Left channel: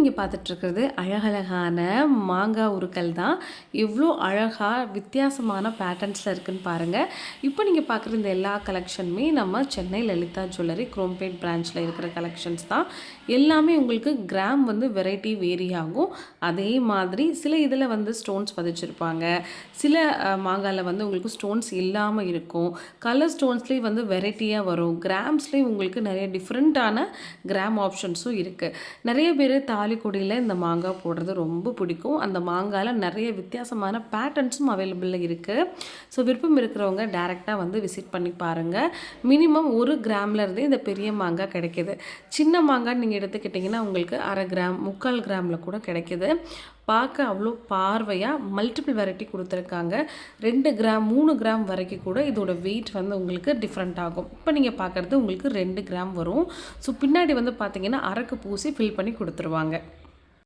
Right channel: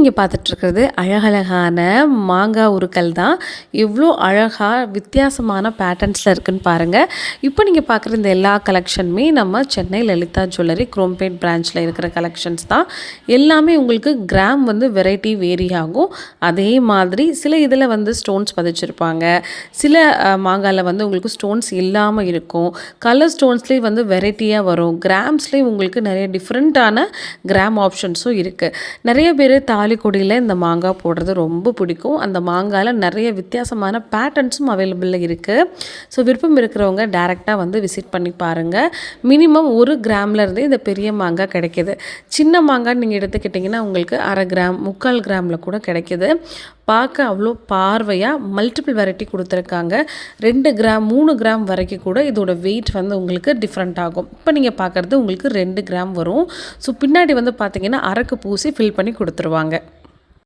நீங்கள் பார்த்துட்ருக்கிறது அழகழகான மாங்காய் உருக்கல் தான். எவ்வளோ அழகாக வித்தியாசமான பேட்டர்ன்ஸில் இருக்குதுன்னு பாருங்கள். இப்போ நீங்கள் பார்க்குற இந்த எல்லா கலெக்ஷனுமே நம்ம சென்னை லலிதா ஜுவல்லரி குரோம்பேட் பிரான்ச்சில் இருக்கிற கலெக்ஷன்ஸ் தான். எல்லாமே உங்களுக்கு கிராம் வந்து வெரைட்டி வேரி ஆகும். அதே மாதிரி சில இதில் வந்து ஸ்டோன்ஸ் பதிச்சிருப்பாங்க, சில மாங்காயில் வந்து உங்களுக்கு ஸ்டோன்ஸ் இல்லாமல் இருக்கும். கலர் ஸ்டோன்ஸ்லேயே வந்து வெரைட்டியாக வரும். கிராம்ஸ்லேயும் உங்களுக்கு நிறைய டிஃப்ரெண்ட்டான கிராம் ஆப்ஷன்ஸும் இருக்குது. நிறைய பேர் தாலிக்கொடியில் இந்த மாங்காய் போடுறது ரொம்ப பிடிக்கும். அந்த மாங்காயில் நிறைய வித்தியாசமான பேட்டர்ன்ஸும் அவைலபிளில் இருக்குது. ஸோ விருப்பம் இருக்கிறவங்க டேரெக்டாக வந்து விசிட் பண்ணி பாருங்கள். மினிமம் 1 கிராம்லேருந்தே இந்த பெரிய மாங்காய் கிடைக்கிது. சின்ன மாங்காய் நீங்கள் எடுத்துக்கிட்டிங்கன்னா உங்களுக்கு 1/2 கிராம் 3/4 கிராமில் கூட கிடைக்கிது. பார்க்க அவ்வளோ பார்வையாக மல்டிபிள் வெரைட்டி கொடுத்துருக்காங்க. 2 கிராம் 3 கிராம் வரைக்கும் கூட இதோட வெயிட் வந்து உங்களுக்கு டிஃப்ரெண்ட் ஆகும். இப்போ நீங்கள் பார்க்குறது உங்களுக்கு 2 கிராம் வரும். ஸோ பின்னாடி வந்து பார்த்திங்கன்னா அரக்கு பூசி ஃபில் பண்ணி கொடுத்துருவாங்க.